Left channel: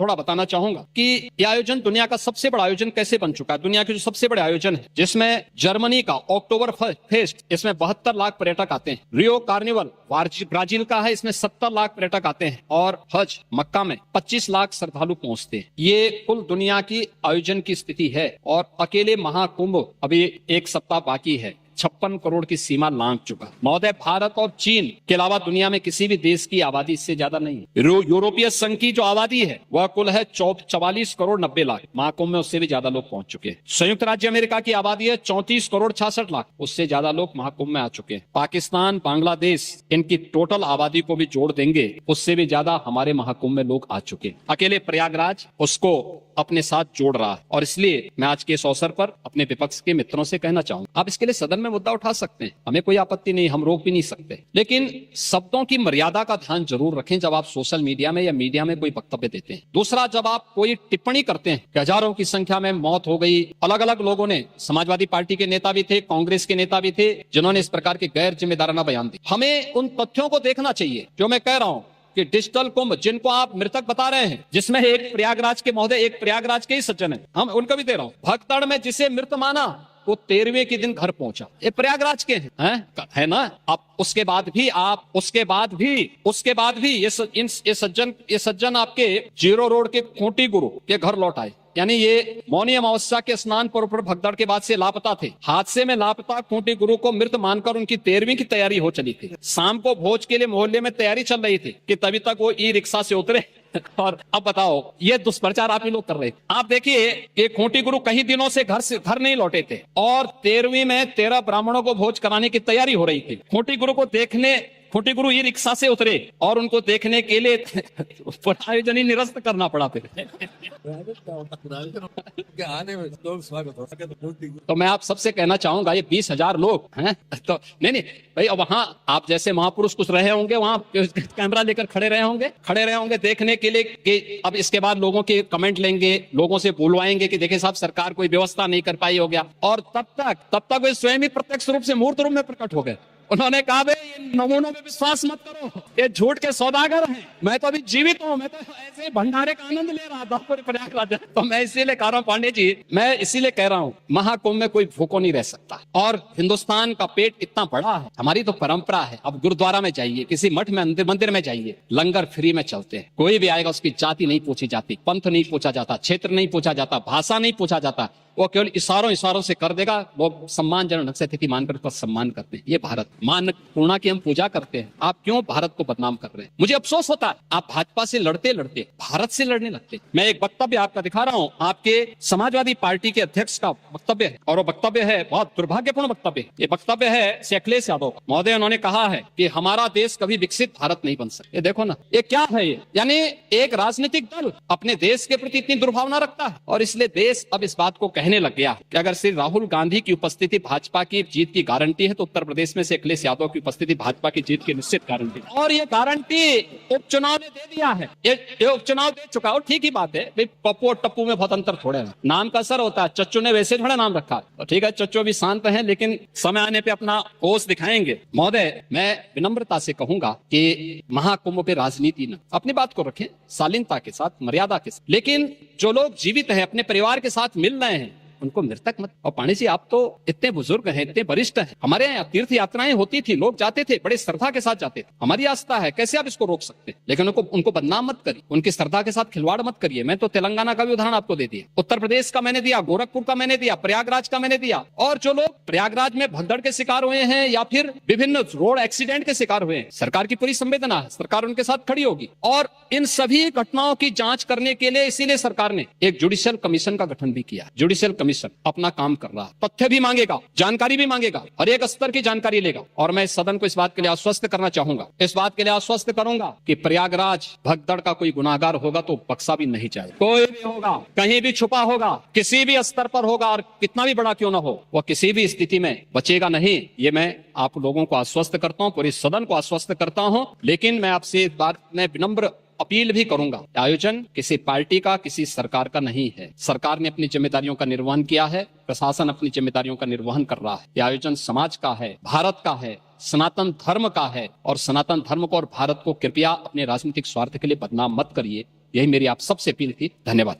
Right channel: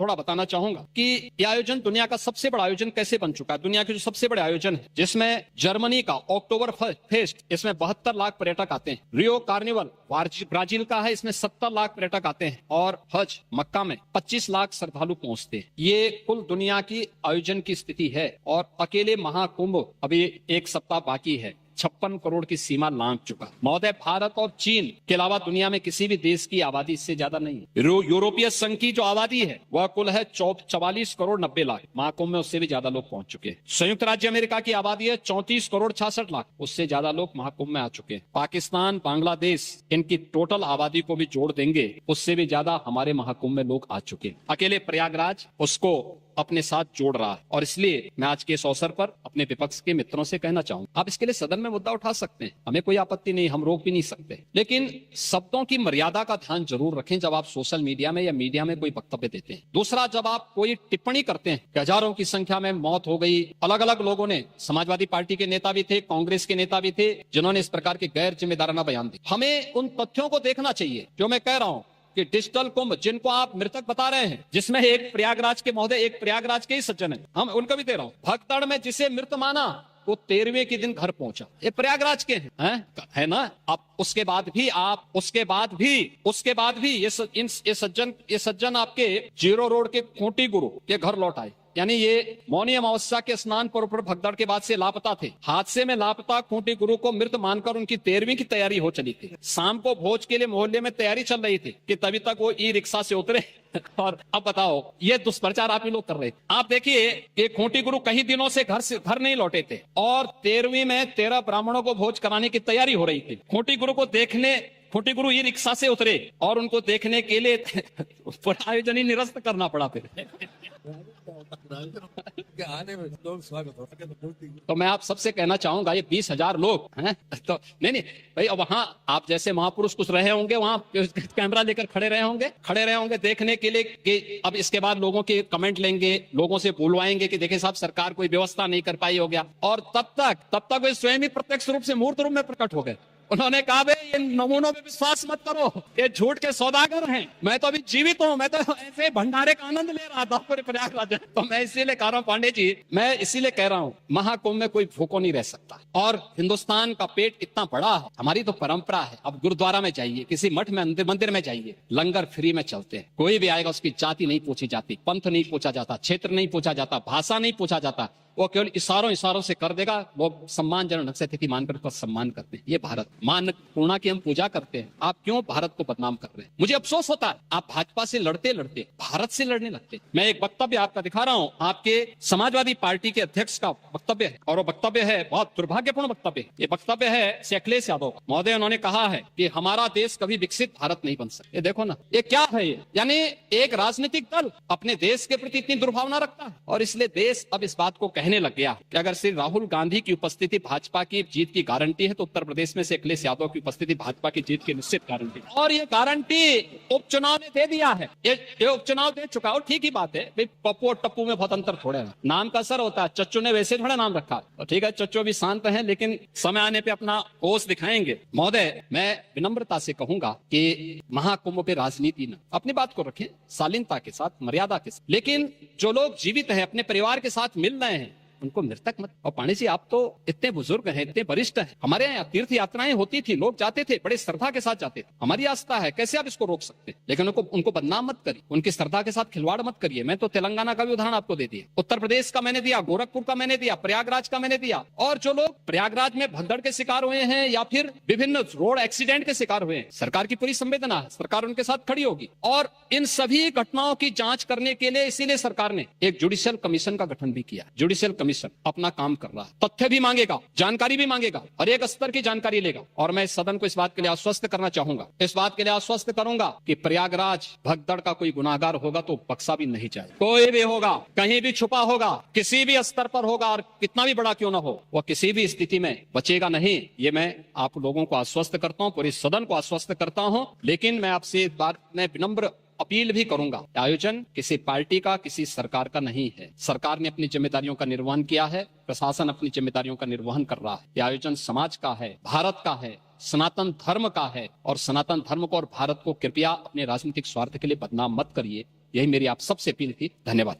थोड़ा बताना चाहूंगा कि ये आयोजन दुनिया का सबसे बड़ा आयोजन कैसे बन चुका है। दुनिया के जो सबसे बड़े आयोजन है, जिसमें जर्मनी का अक्टूबर फेस्ट, इसमें 72 लाख पर्यटक आते हैं। रियो कार्निवल ब्राजील का है, इसमें 70 लाख पर्यटक आते हैं। और हज मक्का में 25 लाख श्रद्धालु पहुंचते हैं। ये कुल दुनिया की आयोजन की स्थिति है। और अकेले महाकुंभ अभी एक सप्ताह बाकी है, 56 करोड़ की सीमा लांघ चुका। महोदय, भारत और चीन के अलावा दुनिया में किसी भी देश की आबादी इससे ज्यादा नहीं है। यूरोपीय संघ की जो आबादी है वह कुल है 44 करोड़ 90 लाख। महाकुंभ में उससे भी ज्यादा लोग पहुंच चुके हैं। संयुक्त राज्य अमेरिका की आबादी है 34 करोड़ 66 लाख, उससे ज्यादा लोग महाकुंभ में आ चुके हैं। पाकिस्तान, बांग्लादेश, इनकी टोटल आबादी को भी जोड़ देंगे, उससे भी ज्यादा हमारे महाकुंभ में लोग आ चुके हैं। अकेले प्रयागराज उसको अपने साथ जोड़ रहा है। और इसलिए मैं आज के इस अवसर पर अपने विपक्ष के मित्रों से कहना चाहूंगा, आप इसके लिए सदन में मुद्दा उठा सकते हैं, हमें कोई आपत्ति नहीं, हम रोक भी नहीं सकते, लेकिन शब्दों की मर्यादा का ध्यान जरूर रखें जब आप सोशल मीडिया में या मीडिया में कोई वक्तव्य देते हैं। दूसरा, जब आप कोई टिप्पणी करते हैं कि हजारों की संख्या में मौत हो गई, अलग अलग लोगों ने, समाजवादी पार्टी के नेता भी थे, कांग्रेस के नेता भी थे, जिन्होंने इस प्रकार के गैर जिम्मेदाराना बयान दिए। हमें उन तथ्यों को देखना चाहिए जो मैं कह रहा हूं कि डिजिटल कुंभ जिनको आप मृतक बता रहे हैं, जिसमें एक प्रयागराज के महोदय, एक प्रयागराज के ही सज्जन है, हम उनका भी दे रहा हूं, भगदड़ में जिसे मृत माना वो 13वें के दिन घर पहुंचा, ये प्रयागराज के हैं, है ना। अब उसके बाद भी ये सज्जन आपके जीरो रोड के खूंटी गुरु के घर लौट आए। यानी ये मौनी अमावस्या के स्नान पर भगदड़ के बाद से लापता थे। हादसे में लापता खूंटी गुरु को मृत मानकर उनकी 13वीं की तैयारी हो चली थी। शाम को भोज के लिए मोहल्ले में तैयारी चल रही थी कि तभी तक वो ई रिक्शा से उतरे। और अब बताओ, ये दुष्प्रचार आप ही लोग कर रहे थे। आप देखिए, ये खूंटी गुरु कई दिनों से घर नहीं लौटे थे और 13वीं में 13 ब्राह्मणों को भोज कराने की तैयारी हो रही थी। खूंटी गुरु ही रिक्शा से उतरे और उनको देखने के लिए आयोजन ही निरस्त करना पड़ा फिर। तो मैं आप सबसे कहना चाहूंगा, ये 20,000 लोग हैं, तो नहीं भाई, अब वहां आप जैसे महापुरुष कुछ रहे होंगे, वहां कैमरा लेकर खड़े रहे होंगे देखने के लिए कि अब इसके बाद लोगों के कमेंट लेंगे, लोगों से बुलवाएंगे कि देखिए साहब, सरकार कोई व्यवस्था नहीं कर पाई, हो गया। और तब तक वे स्वयं ही प्रत्यक्ष रूप से मूर्त रूप में प्रकट हो गए। उन्होंने कहा, भाई ये नमूनों में विश्वास मत करो, ये झूठ के सौदागर हैं, मैं तो अभी जीवित हूँ, मैं तो ऐसे भंडारे का आनंद ले रहा था पूरे प्रयागराज। तो मैं इसीलिए कह रहा हूँ पांडे जी, मैं इसीलिए कह रहा हूँ, महाकुंभ में कोई भूखो नहीं रह सकता। और हिंदुस्तान का पेट इतना बड़ा है, हमारी तो परंपरा है। अब गुरुद्वारा में जाइए, किसी मठ में, मंदिर में जाइए, लंगर फ्री में चलते हैं। कोई भी आएगा उसकी जाति नहीं पूछी जाती, पंथ नहीं पूछा जाता, क्षेत्र नहीं पूछा जाता, भाषा नहीं पूछा जाता, वो केवल इशारों से कर देगा। लोग सम्मानजनक ढंग से अतिथि मानकर उसका सम्मान करते हैं। ये भारत मान पूर्णा की हम पूजा करते हैं। आप क्यों भारत को बदनाम कर रहे हैं? मुझे अफसोस होता है, आप भाजपा से लड़ते भारत से लड़ने लगते। मैं एक वक्तव्य आपका दिखा रहा हूँ, आपके समाजवादी पार्टी के अध्यक्ष का वक्तव्य है, और वो वक्तव्य है बहुत दुर्भाग्यपूर्ण वक्तव्य। ये वक्तव्य है अखिलेश यादव महोदय। उन्होंने कहा है कि हमारा देश कभी विकसित भारत नहीं बन सकता। ये देखो ना, ये क्या है ये? यानी एक राजनीतिक दल अपने देश के प्रति इतनी दुर्भावना रखता है, और इसलिए देश अब इस बात को कहने लग गया है कि अगर श्री राहुल गांधी की उपस्थिति भाजपा की जीत की गारंटी है, तो उत्तर प्रदेश में से अखिलेश यादव की उपस्थिति भाजपा की जीत की निश्चित गारंटी। और ये गारंटी उपचुनाव ने दे दिया है, ये उपचुनाव दे चुका है। ठीक ही बात है, पप्पू और टप्पू में बहुत अंतर थोड़ा है, नाम का असर होता है। चच्चू ने वैसे थोड़ा नाम रखा, और ठीक है, चच्चू भी शांत है, लेकिन समय आने पे अपना होश दिखाएंगे। महोदय, मैं विनम्रता से कहूंगा कि महाकुंभ पे राजनीति न, अपनी बात को रखें शालीनता के साथ, मर्यादा के साथ, लेकिन जो लोग जीवित है, अपने परिवार के साथ मिल रहे हैं, उनको मृतक मत। और पांडे जी, आप तो इतने बुजुर्ग हैं, इतने वरिष्ठ हैं, हमारे यहाँ तीर्थ यात्राएं होती थी, लोग जाते थे, बड़ी श्रद्धा के साथ जाते थे, हमारी आस्था है, कैसे आप इसको रोक सकते हैं? लेकिन उनको बदनाम मत करिए, उनकी श्रद्धा के साथ खिलवाड़ मत करिए। मैं तो तेलंगाना का भी उदाहरण आपको दे दिया, उत्तर प्रदेश का मैंने दिया, गोरखपुर का मैंने दिया, प्रयागराज का मैंने दिया। और जो लोग प्रयागराज में भगदड़ के शिकार हुए हैं या फिर विभिन्न रोड एक्सीडेंट के शिकार हुए हैं, सरकार की पूरी संवेदना है, सरकार उनके साथ खड़ी होगी। और इन सभी घटनाओं की जांच करने के लिए इसीलिए सरकार ने एक जुडिशियल कमीशन का गठन भी किया। जुडिशियल कमीशन अपना काम कर रहा है, तथ्य भी मांगेगा, जानकारी भी मांगेगा, और एक स्तर की जानकारी लेगा। और मैं इस सदन को इस बात के लिए आश्वस्त करना चाहूंगा, इस बात के लिए आश्वस्त करूंगा कि प्रयागराज भगदड़ का कोई गुनाहगार होगा तो बख्शा भी नहीं जाएगा। कोई भी होगा, कहीं भी छुपा होगा, किसी भी स्तर पर होगा, और कितना भी बड़ा क्यों न हो, वह किसी भी स्थिति में बचेगा नहीं। ये मैं आप लोगों को आश्वस्त करता हूँ, पूरे सदन को आश्वस्त करता हूँ। लेकिन मैं आपसे इस बात में विनम्र अपील भी करूंगा, आयोजन किसी पार्टी का, किसी सरकार का नहीं है। सरकार ने अपनी जिम्मेदारियों का निर्वहन किया है, प्रशासन अपनी जिम्मेदारियों का निर्वहन कर रहा है। यह आयोजन समाज का है, भारत का है, सनातन धर्म का है, और सनातन धर्म को और भारत को कृपया अपने राजनीतिक स्वार्थ के लिए बदनाम मत करिए। यही मेरी आप सबसे अपील थी। धन्यवाद।